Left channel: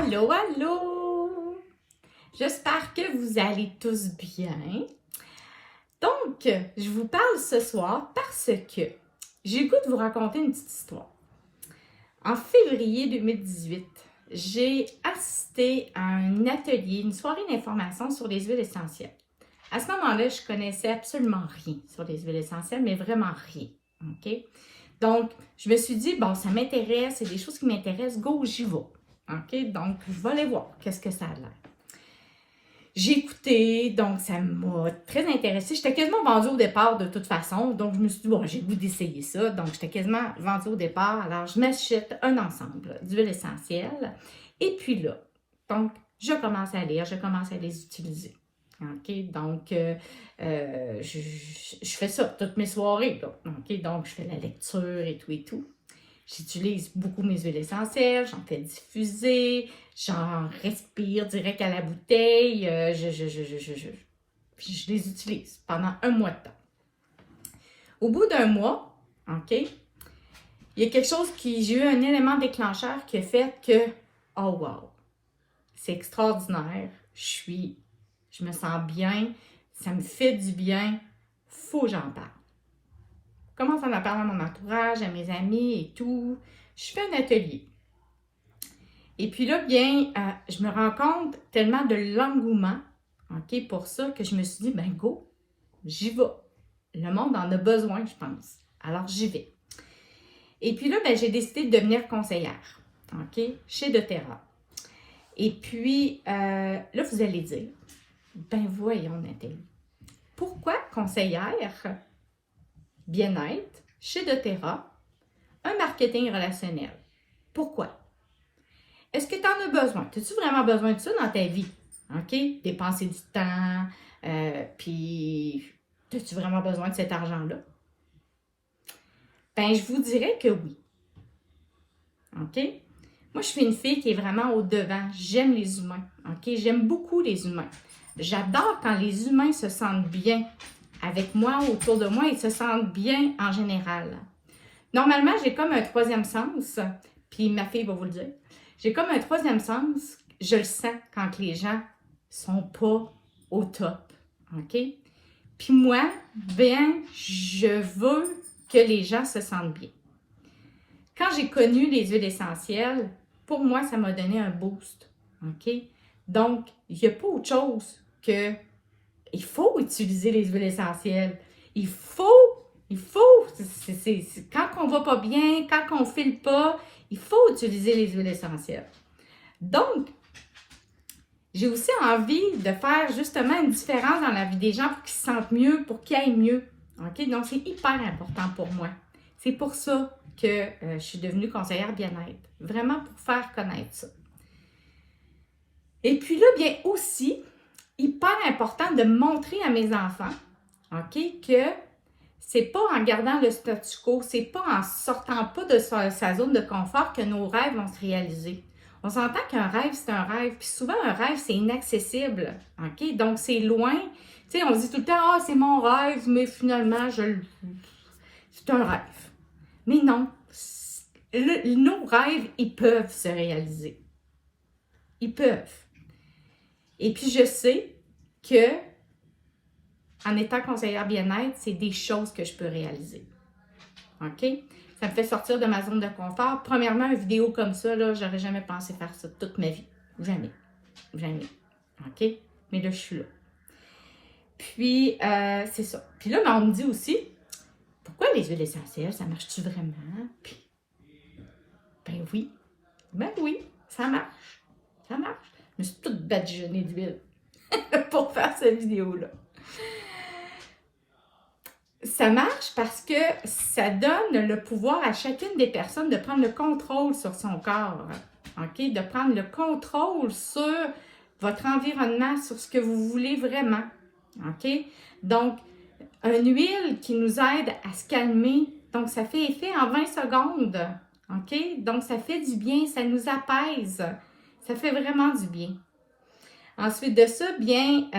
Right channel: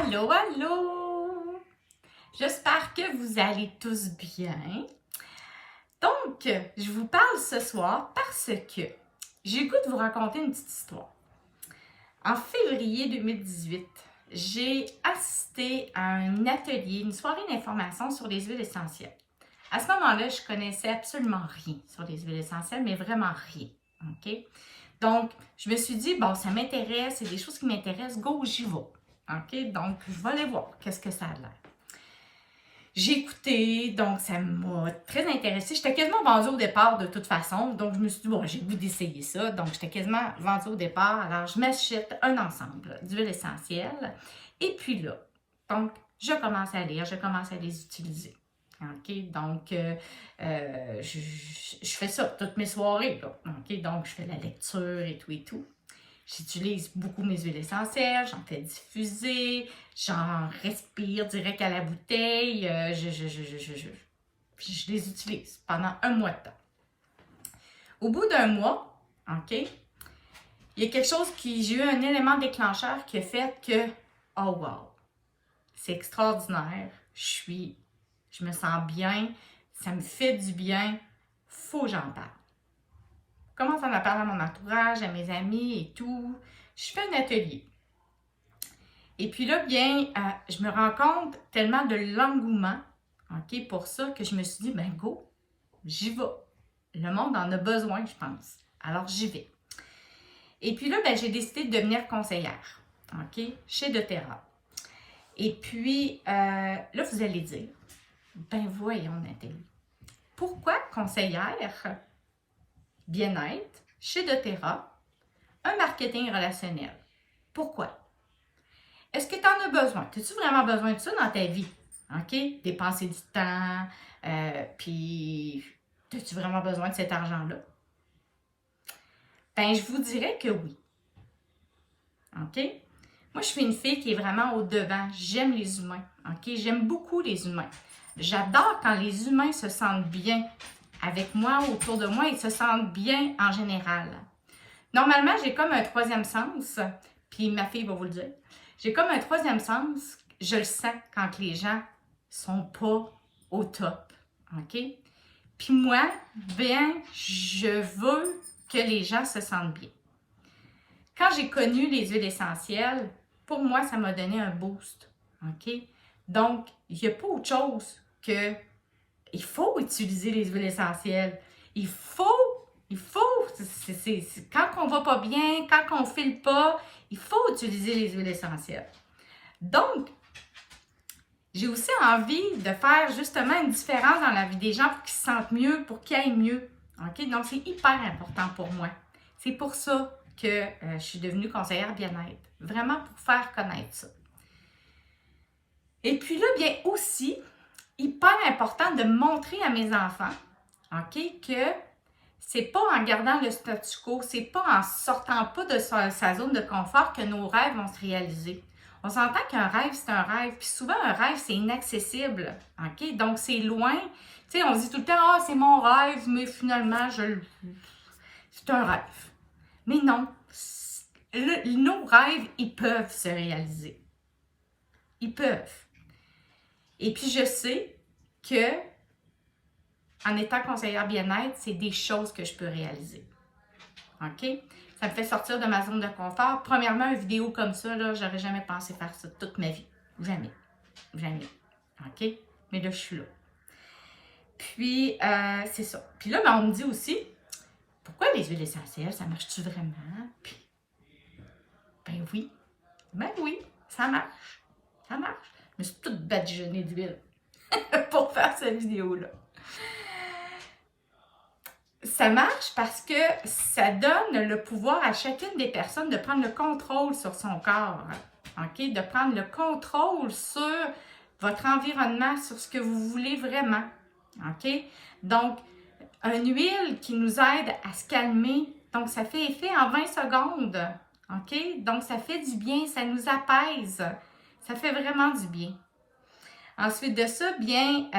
Allô, allô! J'espère que vous allez tous bien. Donc, je vous parle ce soir parce que j'ai le goût de vous raconter une petite histoire. En février 2018, j'ai assisté à un atelier, une soirée d'information sur les huiles essentielles. À ce moment-là, je connaissais absolument rien sur les huiles essentielles, mais vraiment rien. OK? Donc, je me suis dit, bon, ça m'intéresse, c'est des choses qui m'intéressent, go, j'y vais. OK? Donc, je vais aller voir qu'est-ce que ça a l'air. J'ai écouté, donc ça m'a très intéressée. J'étais quasiment vendue au départ de toute façon, donc je me suis dit, bon, j'ai le goût d'essayer ça. Donc, j'étais quasiment vendue au départ. Alors, je m'achète un ensemble d'huiles essentielles. Et puis là, donc, je commence à lire, je commence à les utiliser. OK? Donc, je fais ça toutes mes soirées, là. OK? Donc, je fais la lecture et tout et tout. J'utilise beaucoup mes huiles essentielles, j'en fais diffuser, j'en respire direct à la bouteille, puis je les utilise pendant un mois de temps. Au bout d'un mois, OK, il y a quelque chose j'ai eu un élément déclencheur qui a fait que, oh wow, c'est extraordinaire, je me sens bien, ça me fait du bien, faut que j'en parle. Je commence à en parler à mon entourage, à mes amis et tout. Je fais un atelier. Et puis là, bien, je me rends compte tellement de l'engouement, OK, pour ça, que je me suis dit, ben go, j'y vais. Le monde en a besoin, je pense. Alors, j'y vais. Et puis là, ben, j'ai décidé de devenir conseillère, OK, chez doTERRA. Et puis, là, vous allez dire, ben voyons, Nathalie, pourquoi conseillère bien-être chez doTERRA, un marketing relationnel? Pourquoi? Est-ce que tu en as besoin? As-tu vraiment besoin de ça dans ta vie? OK? Dépenser du temps, puis as-tu vraiment besoin de cet argent-là? Ben, je vous dirais que oui. OK? Moi, je suis une fille qui est vraiment au-devant. J'aime les humains. OK? J'aime beaucoup les humains. J'adore quand les humains se sentent bien avec moi, autour de moi, ils se sentent bien en général. Normalement, j'ai comme un troisième sens, puis ma fille va vous le dire. J'ai comme un troisième sens, je le sens quand les gens sont pas au top, OK? Puis moi, bien, je veux que les gens se sentent bien. Quand j'ai connu les huiles essentielles, pour moi, ça m'a donné un boost, OK? Donc, il n'y a pas autre chose que il faut utiliser les huiles essentielles. Il faut, quand on va pas bien, quand on file pas, il faut utiliser les huiles essentielles. Donc, j'ai aussi envie de faire justement une différence dans la vie des gens pour qu'ils se sentent mieux, pour qu'ils aillent mieux. OK? Donc, c'est hyper important pour moi. C'est pour ça que je suis devenue conseillère bien-être. Vraiment pour faire connaître ça. Et puis là, bien aussi, hyper important de montrer à mes enfants, OK, que c'est pas en gardant le statu quo, c'est pas en sortant pas de sa zone de confort que nos rêves vont se réaliser. On s'entend qu'un rêve, c'est un rêve, puis souvent un rêve, c'est inaccessible, OK? Donc, c'est loin. Tu sais, on se dit tout le temps, ah, c'est mon rêve, mais finalement, c'est un rêve. Mais non, nos rêves, ils peuvent se réaliser. Ils peuvent. Et puis, je sais que, en étant conseillère bien-être, c'est des choses que je peux réaliser. OK? Ça me fait sortir de ma zone de confort. Premièrement, une vidéo comme ça, là, j'aurais jamais pensé faire ça toute ma vie. Jamais. Jamais. OK? Mais là, je suis là. Puis, c'est ça. Puis là, on me dit aussi, pourquoi les huiles essentielles, ça marche-tu vraiment? Puis, ben oui. Ben oui, ça marche. Ça marche. Je me suis toute badigeonnée d'huile pour faire cette vidéo-là. Ça marche parce que ça donne le pouvoir à chacune des personnes de prendre le contrôle sur son corps, OK? De prendre le contrôle sur votre environnement, sur ce que vous voulez vraiment, OK? Donc, une huile qui nous aide à se calmer, donc ça fait effet en 20 secondes, OK? Donc, ça fait du bien, ça nous apaise, ça fait vraiment du bien. Ensuite de ça, bien,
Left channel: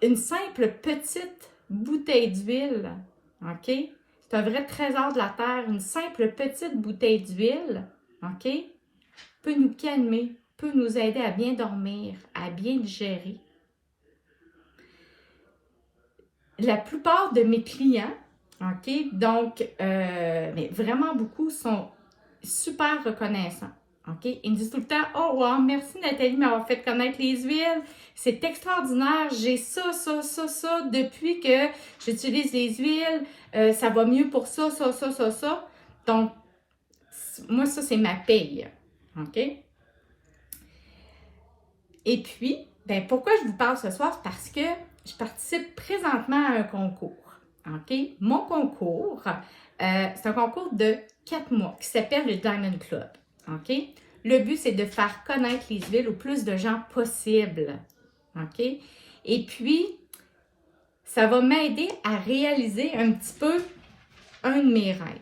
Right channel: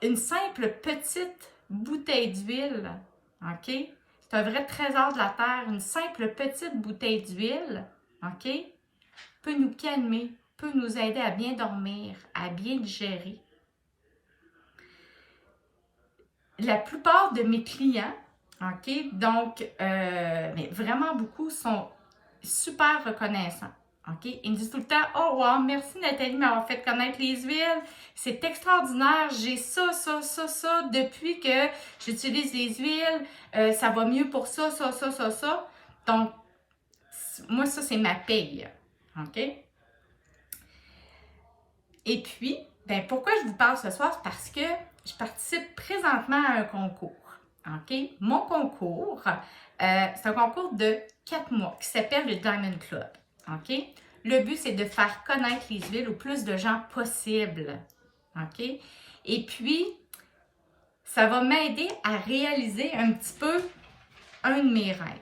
une simple petite bouteille d'huile, OK? C'est un vrai trésor de la terre, une simple petite bouteille d'huile, OK? peut nous calmer, peut nous aider à bien dormir, à bien digérer. La plupart de mes clients, OK, donc, mais vraiment beaucoup sont super reconnaissants. OK? Ils me disent tout le temps: oh, wow, merci Nathalie de m'avoir fait connaître les huiles. C'est extraordinaire. J'ai ça. Depuis que j'utilise les huiles, ça va mieux pour ça. Donc, moi, ça, c'est ma paye. OK? Et puis, ben, pourquoi je vous parle ce soir? C'est parce que je participe présentement à un concours. OK? Mon concours, c'est un concours de 4 mois qui s'appelle le Diamond Club. OK? Le but, c'est de faire connaître les huiles au plus de gens possible. OK? Et puis, ça va m'aider à réaliser un petit peu un de mes rêves.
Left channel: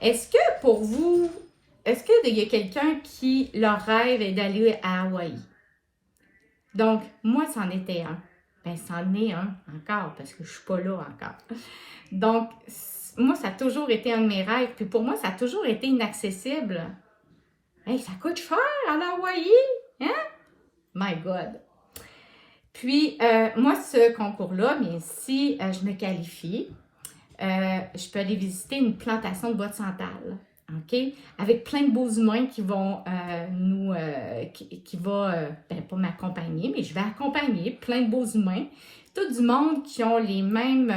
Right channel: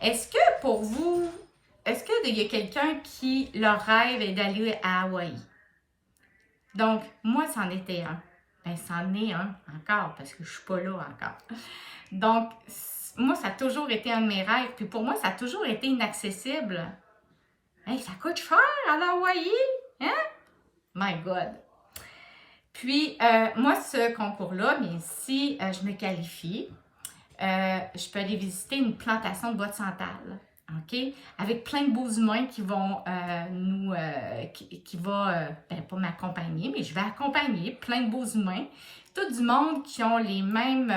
Est-ce que pour vous, est-ce qu'il y a quelqu'un qui, leur rêve est d'aller à Hawaï? Donc, moi, c'en était un. Ben, c'en est un encore, parce que je ne suis pas là encore. Donc, moi, ça a toujours été un de mes rêves. Puis pour moi, ça a toujours été inaccessible. Hey, ça coûte cher à Hawaï, hein? My God! Puis, moi, ce concours-là, mais si je me qualifie, je peux aller visiter une plantation de bois de santal. OK? Avec plein de beaux humains qui vont ben, pas m'accompagner, mais je vais accompagner plein de beaux humains. Tout du monde qui ont les mêmes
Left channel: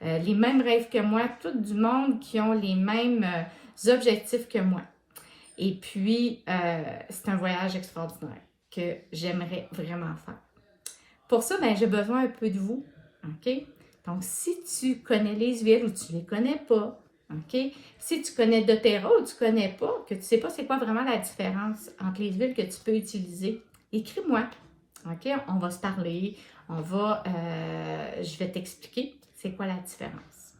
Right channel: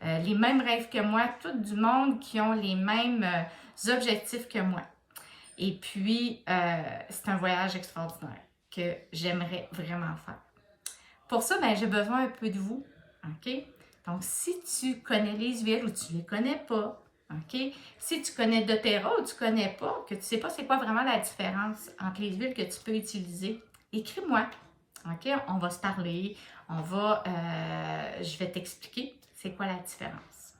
rêves que moi, tout du monde qui ont les mêmes objectifs que moi. Et puis, c'est un voyage extraordinaire que j'aimerais vraiment faire. Pour ça, ben, j'ai besoin un peu de vous. OK? Donc, si tu connais les huiles ou tu ne les connais pas, OK? Si tu connais doTERRA ou tu ne connais pas, que tu ne sais pas c'est quoi vraiment la différence entre les huiles que tu peux utiliser, écris-moi. OK? On va se parler. Je vais t'expliquer c'est quoi la différence.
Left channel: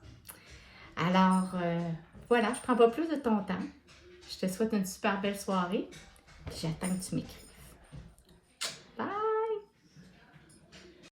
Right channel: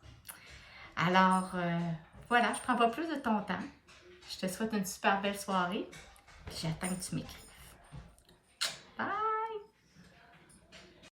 Alors, voilà, je ne prends pas plus de ton temps. Je te souhaite une super belle soirée. J'attends que tu m'écris.